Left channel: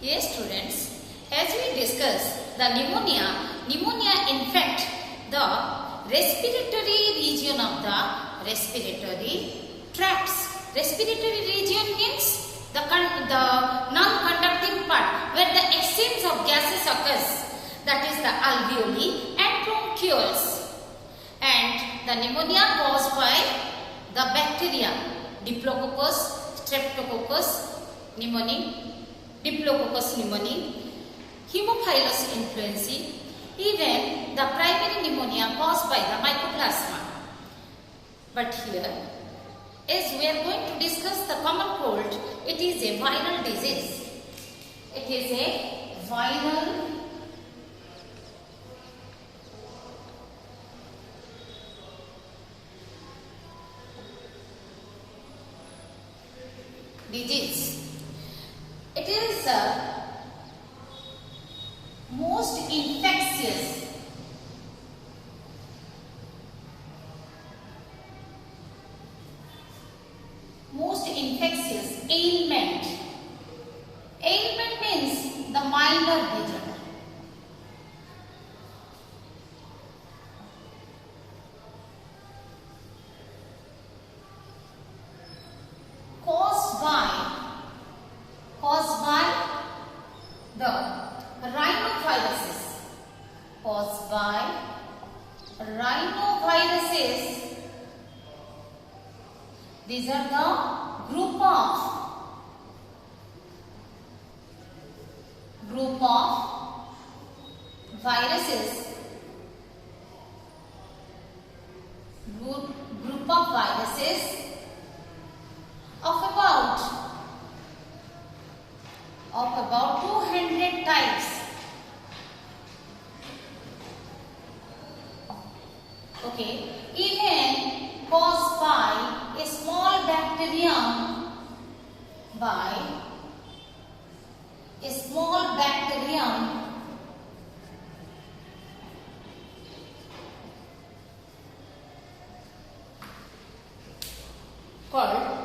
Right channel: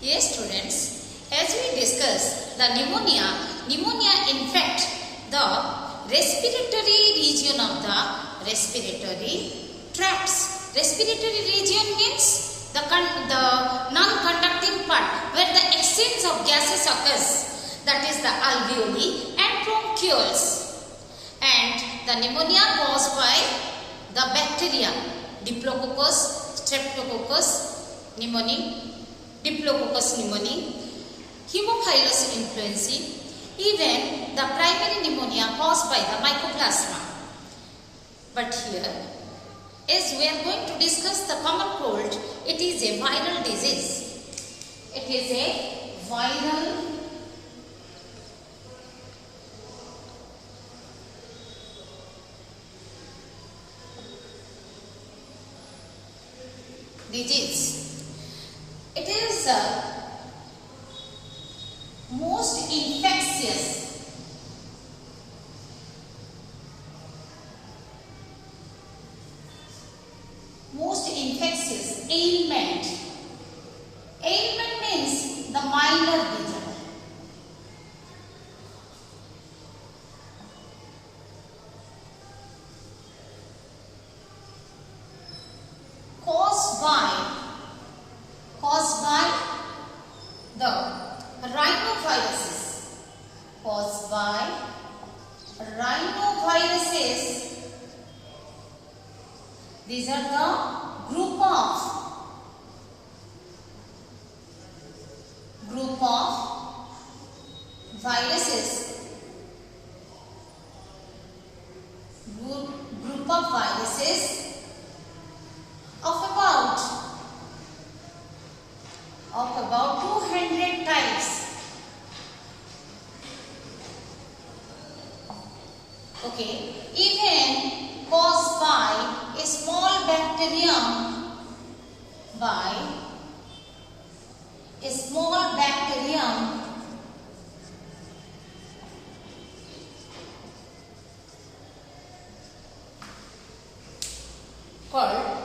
Yes, students, as we discuss the pneumonia infect the respiratory region of the respiratory tracts. Respiratory region means the non-conducting part where the exchange of gases occurs, that is the alveoli and bronchioles. And the pneumonia caused by the bacteria Diplococcus, Streptococcus pneumoniae, Diplococcus pneumoniae, Haemophilus influenzae, even the primary pneumonia caused by the Mycoplasma. But here, as we are going to discuss the common cold, it is a viral disease. It is a viral disease. It is most infectious ailment. Ailment means the minor disease. Caused by the rhinoviruses. Caused by rhinoviruses. These are the group of viruses. Group of viruses of about 200 types. Okay, even caused by a small bacterium, called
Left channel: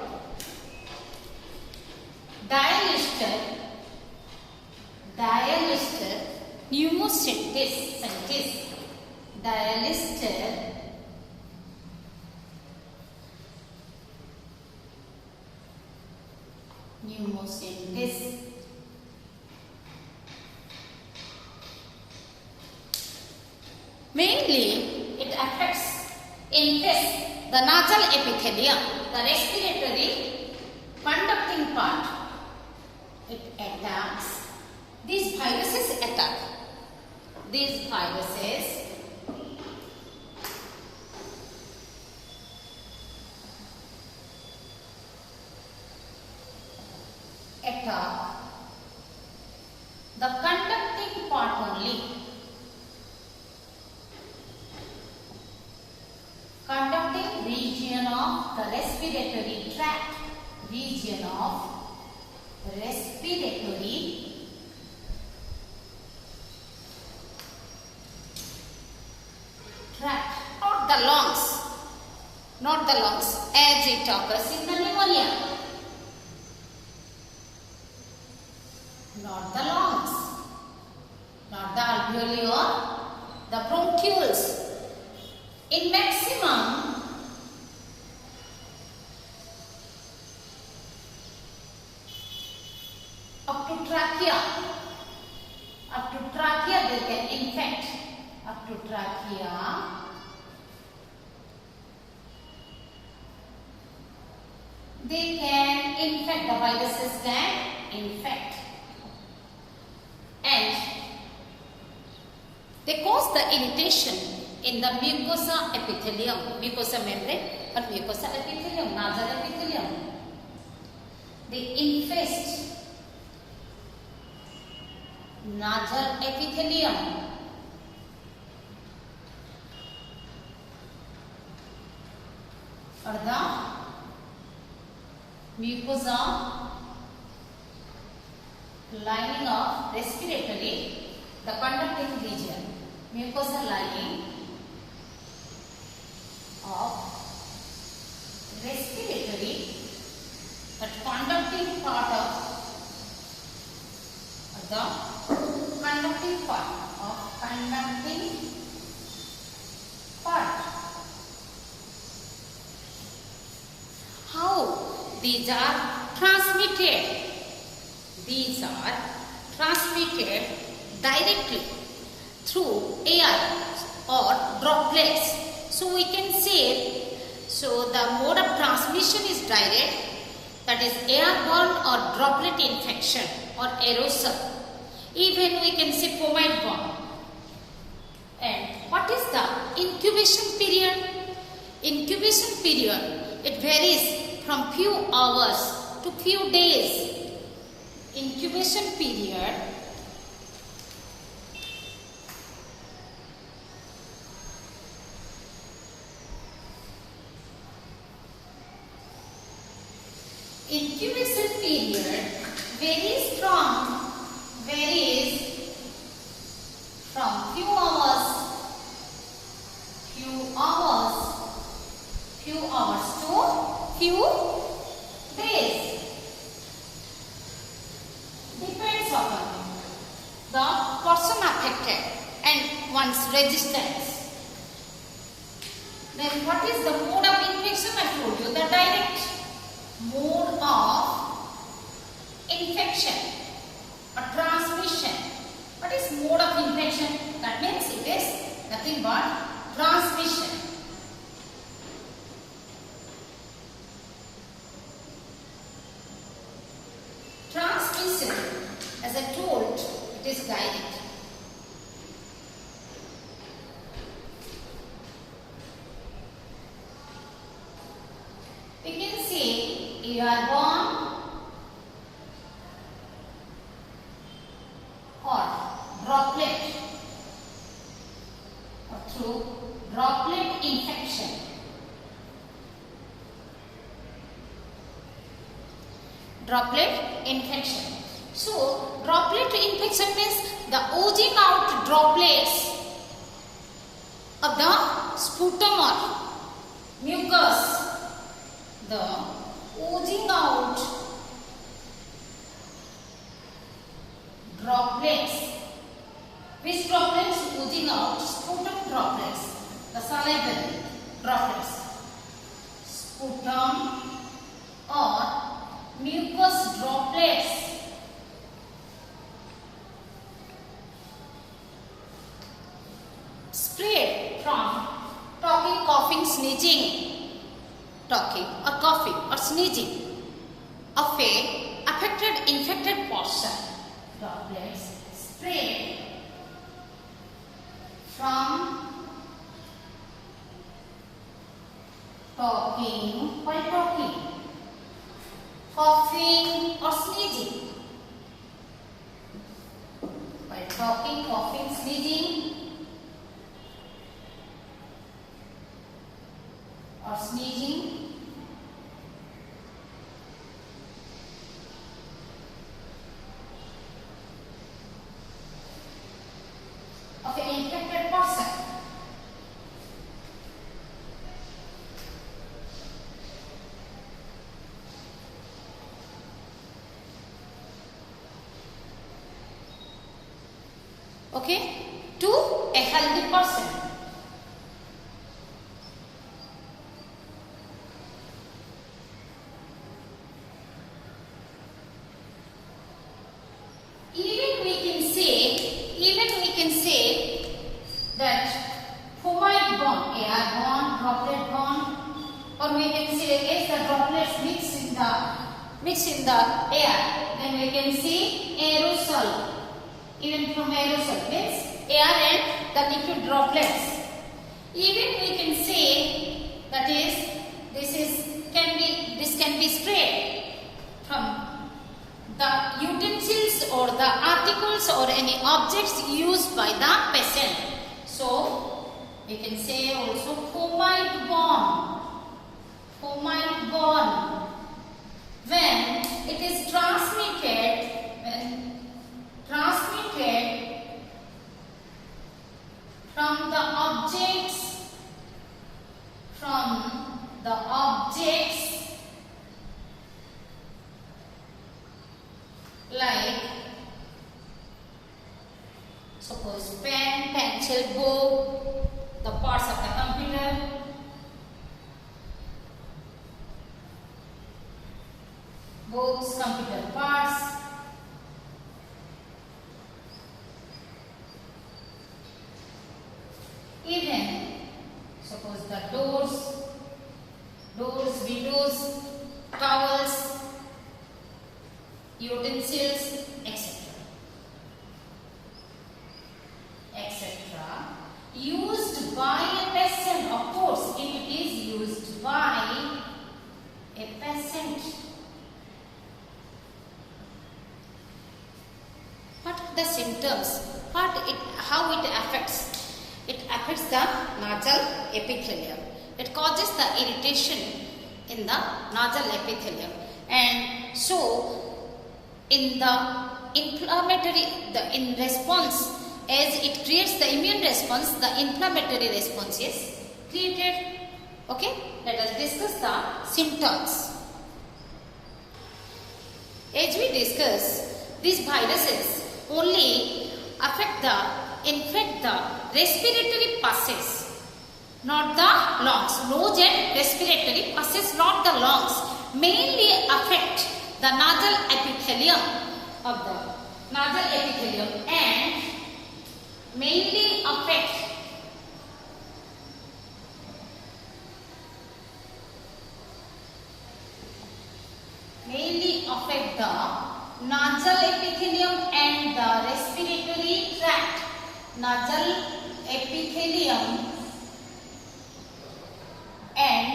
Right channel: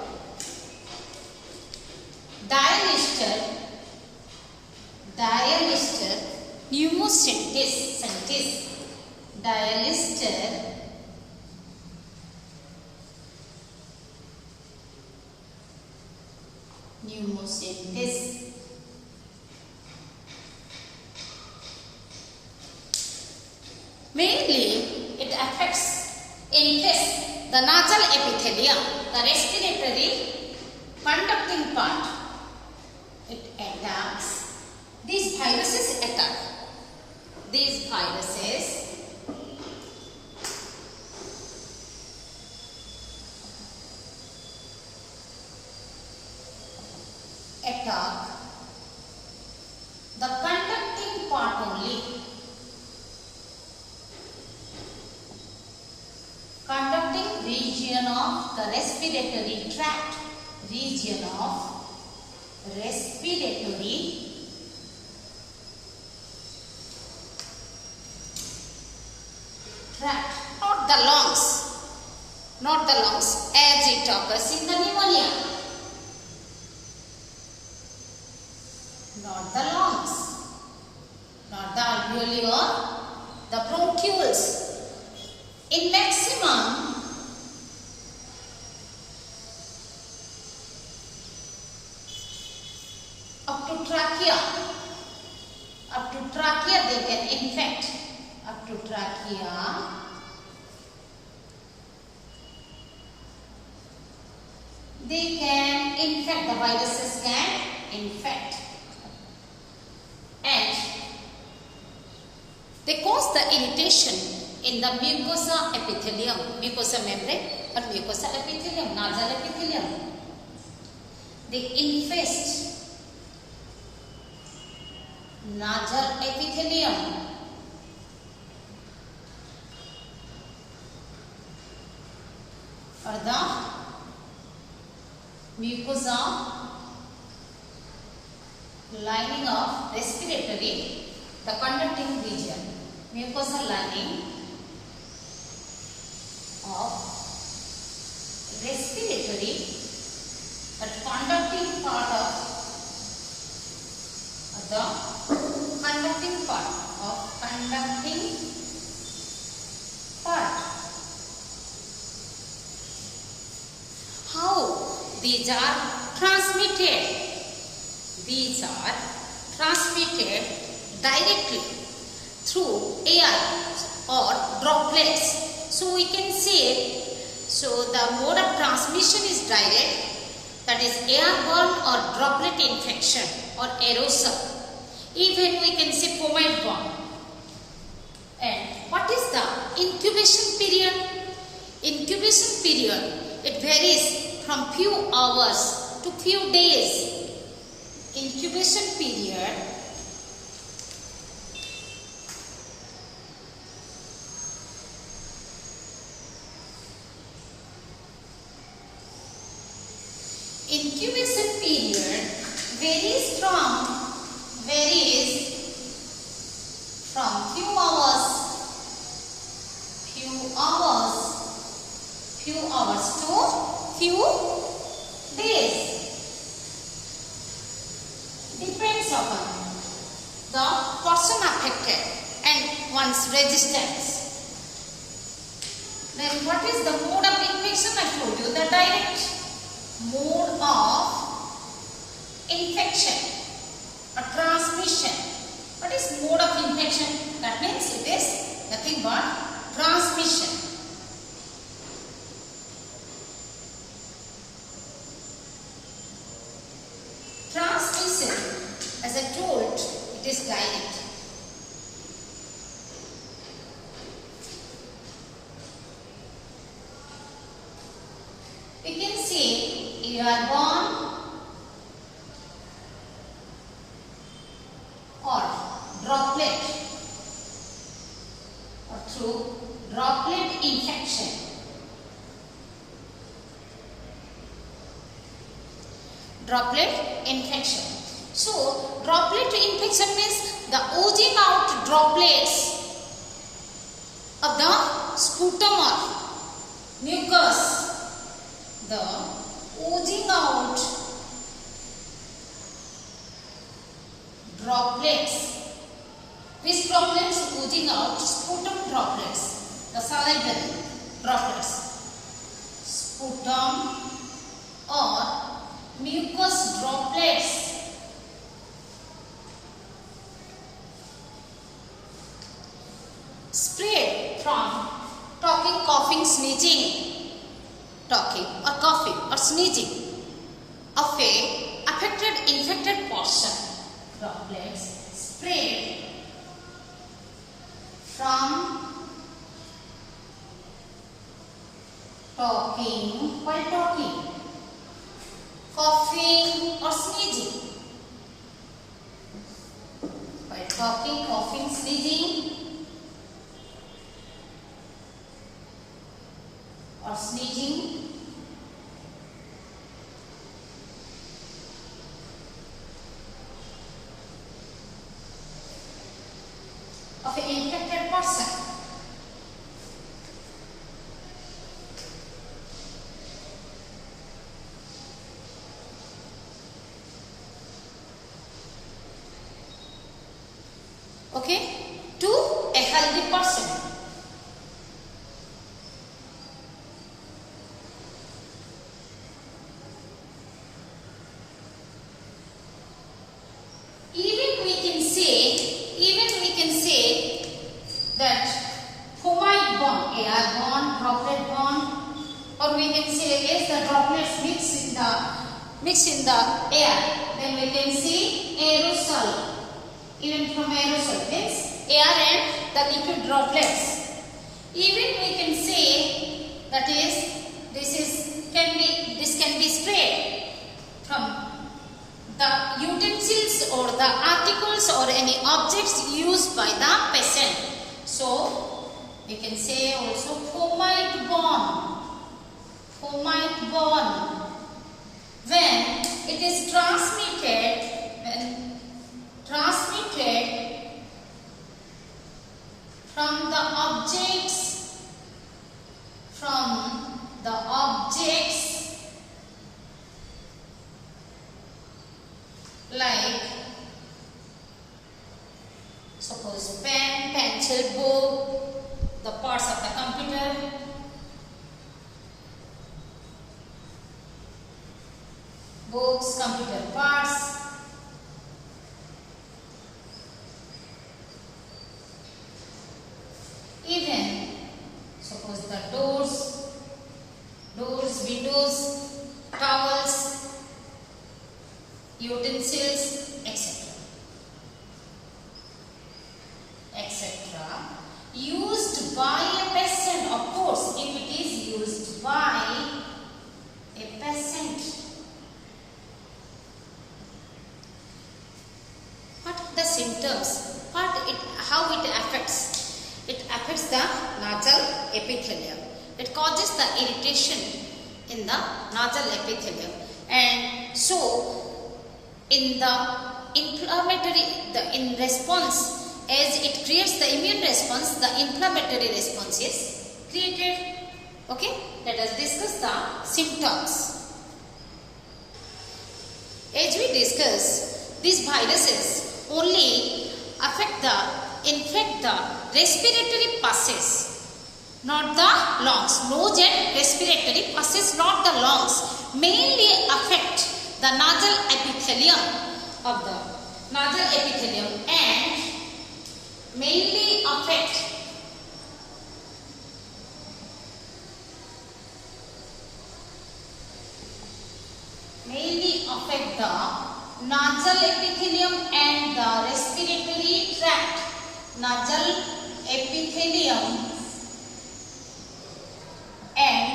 Dialister pneumocystis. Dialister pneumocystis. Mainly, it infests the nasal epithelium, the respiratory conducting part. It attacks. These viruses attack. These viruses attack the conducting part only. Conducting region of the respiratory tract. Region of respiratory tract. Not the lungs as it occurs in the pneumonia. Not the lungs, not the alveoli or the bronchioles. In maximum, up to trachea they can infect. Up to trachea, they can infect. The viruses can infect. And they cause the irritation in the mucosa epithelium, mucosa membrane or mucosa epithelium, nasal epithelium. They infest nasal epithelium. Or the mucosa lining of respiratory, the conducting region, mucosa lining of respiratory, but conducting part of the conducting part of conducting part. How these are transmitted? These are transmitted directly through air or droplets. So we can say, so the mode of transmission is direct, that is airborne or droplet infection or aerosol. Even we can say fomite-borne. And what is the incubation period? Incubation period, it varies from few hours to few days. Incubation period varies from few hours to few days. Depends upon the person affected and one's resistance. Then what is the mode of infection? I told you the direct mode of infection or transmission. What is mode of infection? That means it is nothing but transmission. Transmission, as I told, it is direct. We can say airborne or droplet or through droplet infection. Droplet infection. So droplet infection means the oozing out droplets of the sputum or mucus. The oozing out droplets. Which droplets? Oozing out sputum droplets. The salivary droplets. Sputum or mucus droplets. Spread from talking, coughing, sneezing. Talking or coughing or sneezing of a affected infected person. Droplets spread from talking, while talking, coughing or sneezing. While talking, coughing, sneezing or sneezing of an infected person. Okay, to a healthy person. Even we can say that fomite-borne, airborne, droplet-borne, or we can say if the droplets mix in the air, then we can see aerosol. Even from aerosol means air and the liquid droplets. Even we can say that is this can be sprayed from the utensils or the articles or any objects used by the patient. So we can say also fomite-borne. When it is transmitted from the objects like Suppose pen, pencil, book, the parts of the computer. Books, computer parts. Even suppose the doors, windows, towels, utensils, etc. Used by a peasant, of course, if it is used by a peasant. What are the symptoms? How it affects? It affects the nasal epithelium. It causes the irritation in the nasal epithelium, and so in the inflammatory, in response, as it creates the immune response, the inflammatory response is created. Okay, let us discuss the symptoms. As we discuss, these viruses only infect the respiratory passages, not the lungs. Nose and respiratory passages, not the lungs. Mainly affect the nasal epithelium and mainly affect the nasal epithelium and the respiratory tract. Nasal epithelium and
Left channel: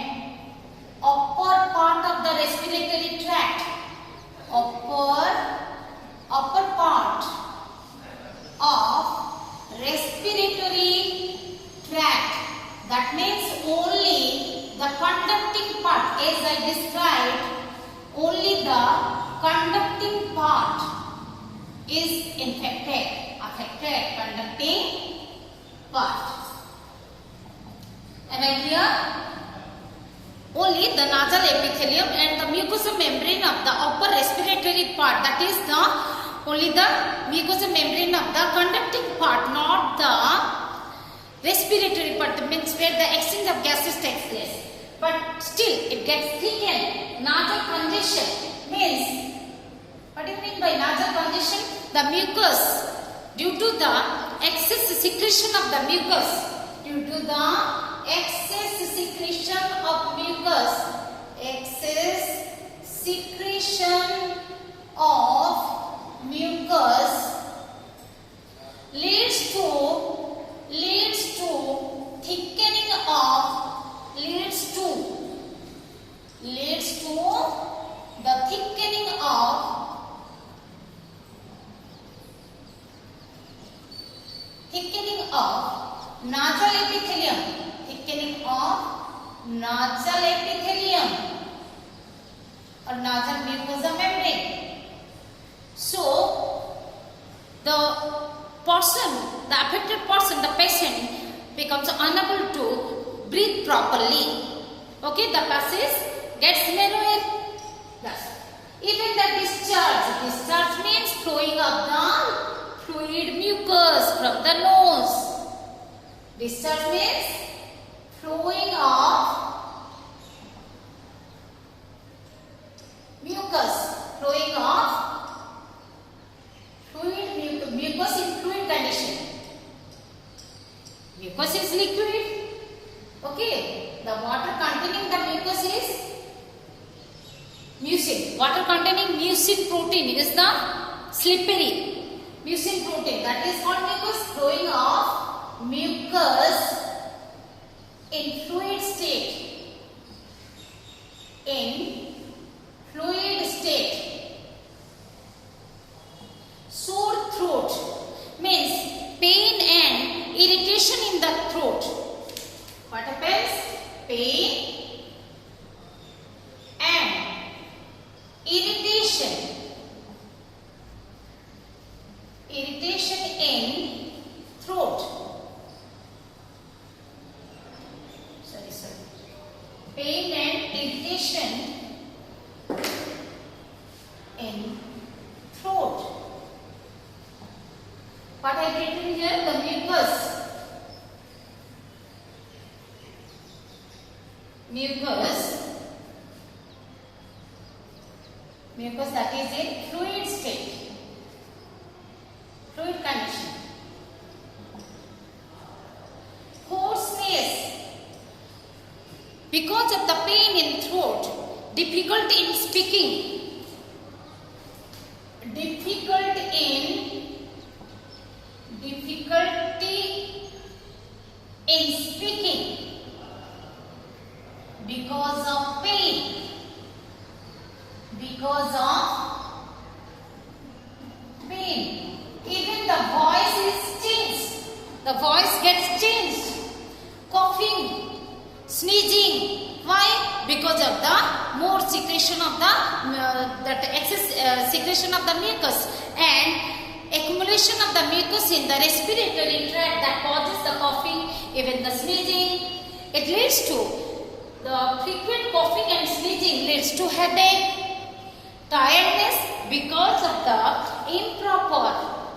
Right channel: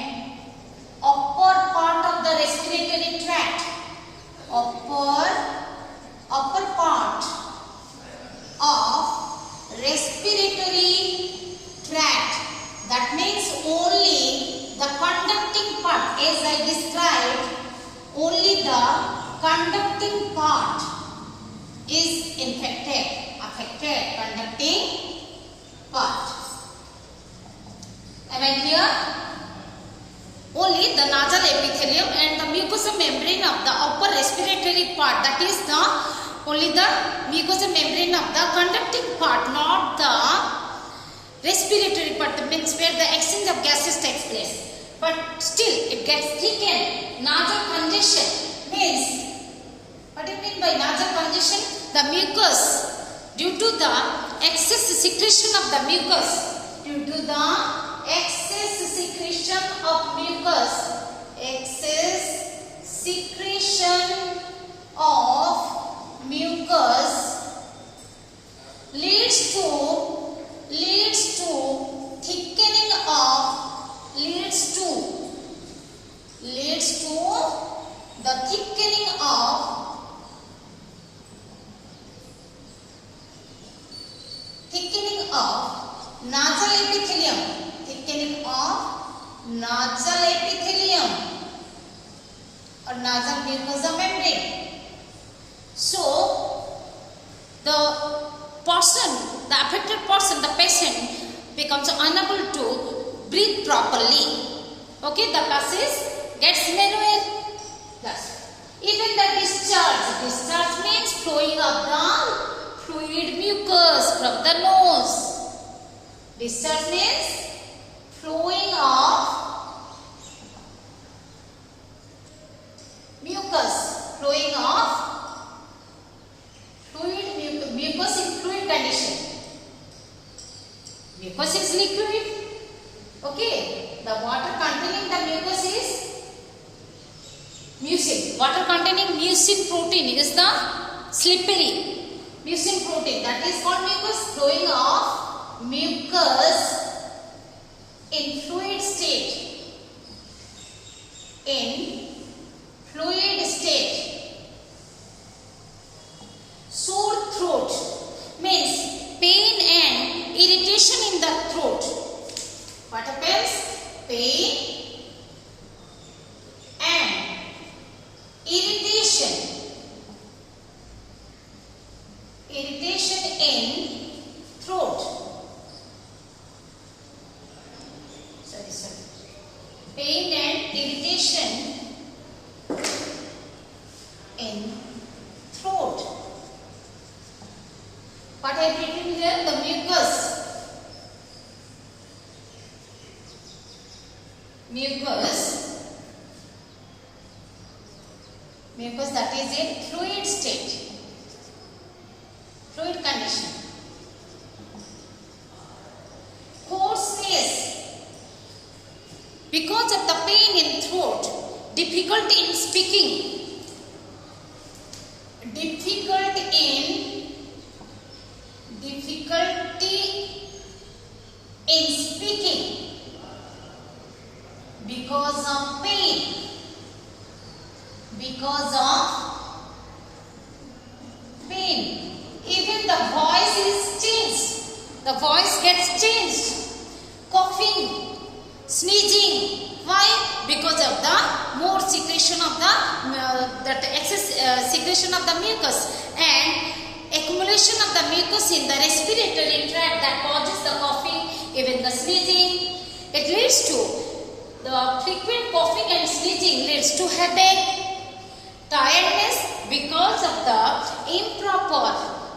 upper part of the respiratory tract. Upper part of respiratory tract. That means only the conducting part, as I described, only the conducting part is affected, conducting part. Am I clear? Only the nasal epithelium and the mucosal membrane of the upper respiratory part, that is only the mucosal membrane of the conducting part, not the respiratory part, that means where the exchange of gases takes place. But still it gets thickened. Nasal congestion means, what do you mean by nasal congestion? The mucus, due to the excess secretion of the mucus, leads to thickening of nasal epithelium or nasal mucosa membrane. So the affected person, the patient, becomes unable to breathe properly. Okay, the passage gets narrower. Thus, even the discharge means flowing of the fluid mucus from the nose. Discharge means flowing of mucus in fluid condition. Mucus is liquid. Okay, the water containing the mucus is mucin. Water containing mucin protein is the slippery mucin protein, that is called mucus. Flowing of mucus in fluid state. Sore throat means pain and irritation in the throat. What happens? Pain and irritation in throat. Pain and irritation in throat. What I have written here? The mucus. Mucus that is in fluid state, fluid condition. Hoarseness, because of the pain in throat, difficulty in speaking, difficulty in speaking because of pain, even the voice is changed, the voice gets changed. Coughing, sneezing, why? Because of the more secretion of the that excess secretion of the mucus and accumulation of the mucus in the respiratory tract that causes the coughing, even the sneezing. It leads to the frequent coughing and sneezing leads to headache, tiredness because of the improper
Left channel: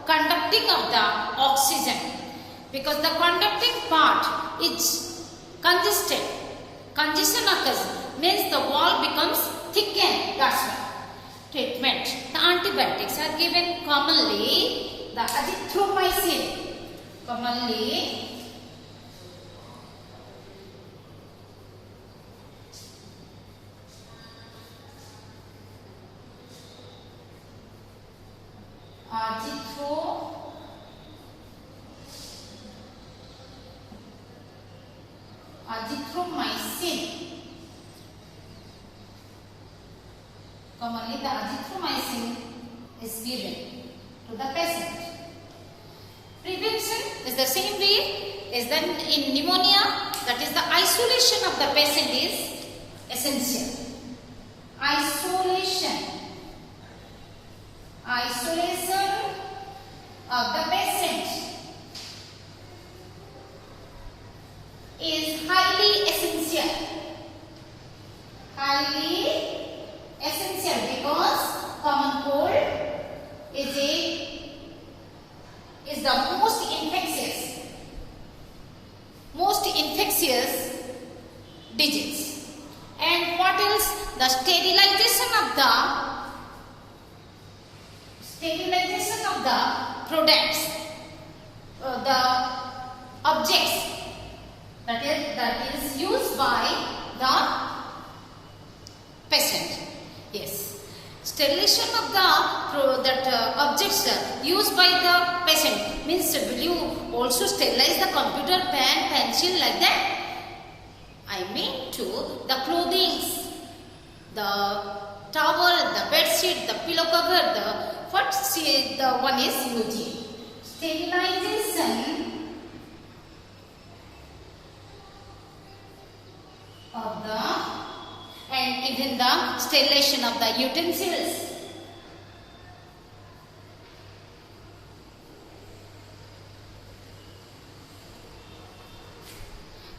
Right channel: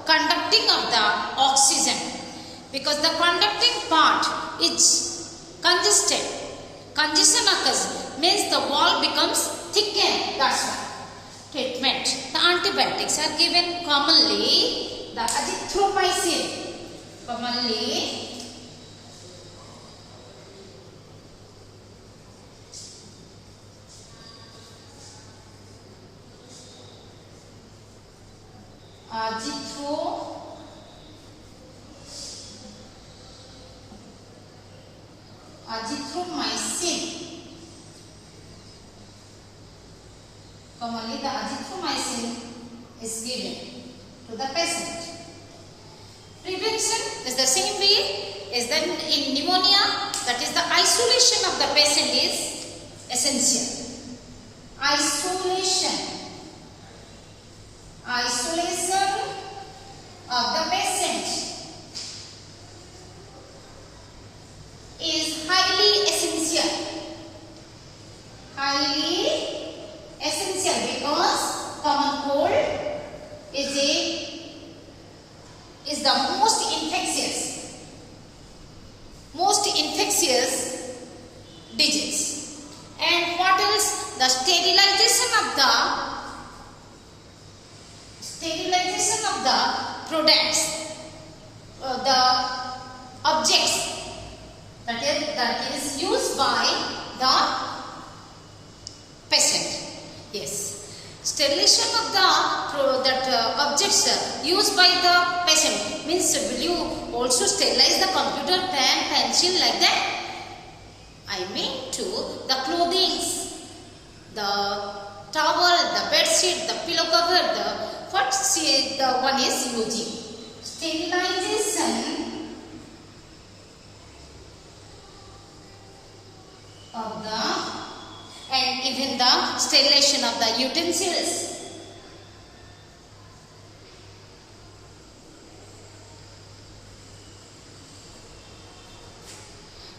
conducting of the oxygen. Because the conducting part is congested. Congestion occurs, means the wall becomes thickened. That's why. Treatment. The antibiotics are given commonly. The azithromycin. Commonly. Azithromycin. Commonly the azithromycin is given to the patient. Prevention is the same way as then in pneumonia, that is the isolation of the patient is essential. Isolation of the patient is highly essential. Because common cold is the most infectious disease. And what else? The sterilization of the products, the objects that is used by the patient. Yes. Sterilization of the objects used by the patient means, will you also sterilize the computer, pen, pencil like that? I mean to the clothing, the towel, the bed sheet, the pillow cover, the one is using. Sterilization of the, and even the sterilization of the utensils.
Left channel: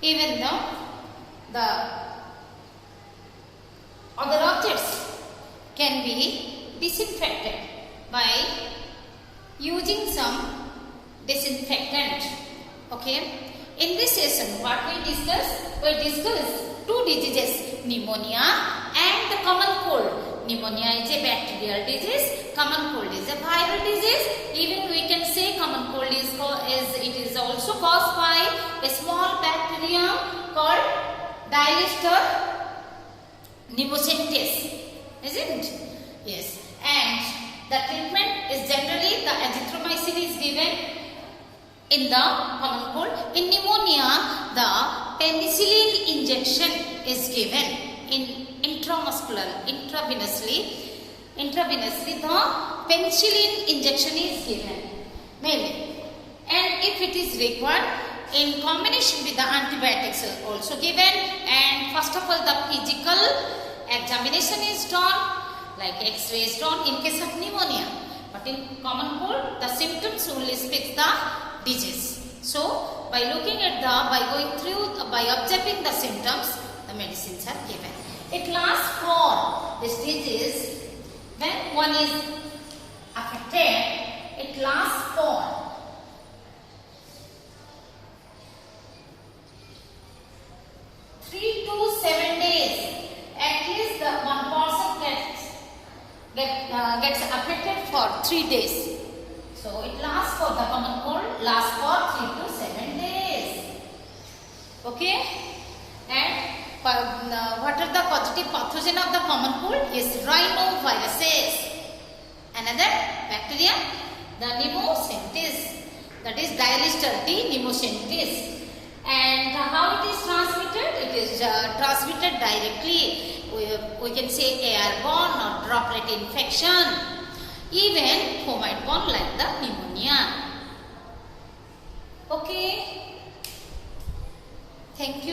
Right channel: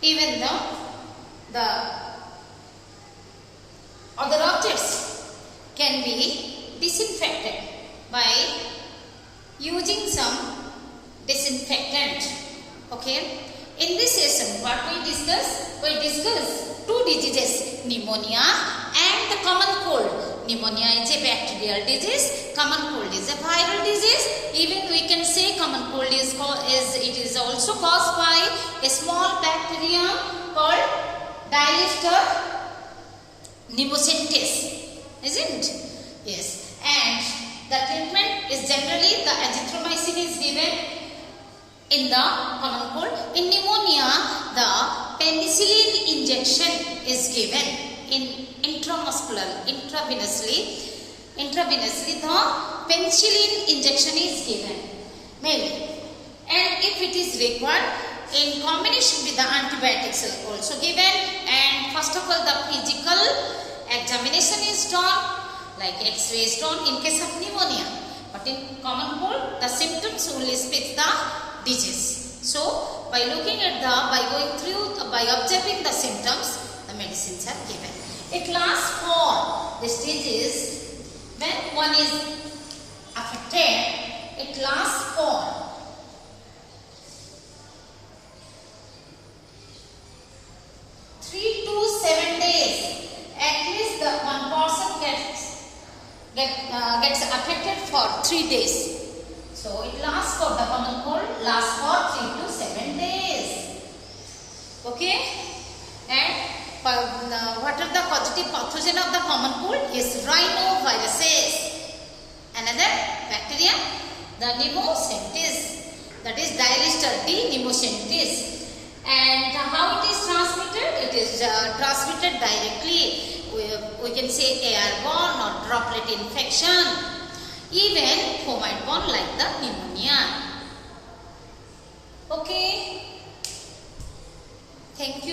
Even the other objects can be disinfected by using some disinfectant. Okay. In this session, what we discuss? We discuss two diseases, pneumonia and the common cold. Pneumonia is a bacterial disease, common cold is a viral disease. Even we can say common cold is also caused by a small bacterium called Dialister pneumocystis, isn't it? Yes. And the treatment is generally the azithromycin is given in the common cold. In pneumonia, the penicillin injection is given in intravenously the penicillin injection is given mainly. And if it is required, in combination with the antibiotics are also given. And first of all, the physical examination is done, like X-ray is done in case of pneumonia. But in common cold, the symptoms only speak the disease. So, by looking at by observing the symptoms, the medicines are given. It lasts for this disease, when one is affected, it lasts for gets affected for 3 days. So it lasts for the common cold lasts for 3 to 7 days. Okay, and what are the positive pathogen of the common cold? Yes, rhinoviruses. Another bacteria, the pneumocystis, that is Diarrhea pneumocystis. And how it is transmitted? It is transmitted directly. We can say airborne or droplet infection, even fomiborne like the pneumonia. Okay, thank you.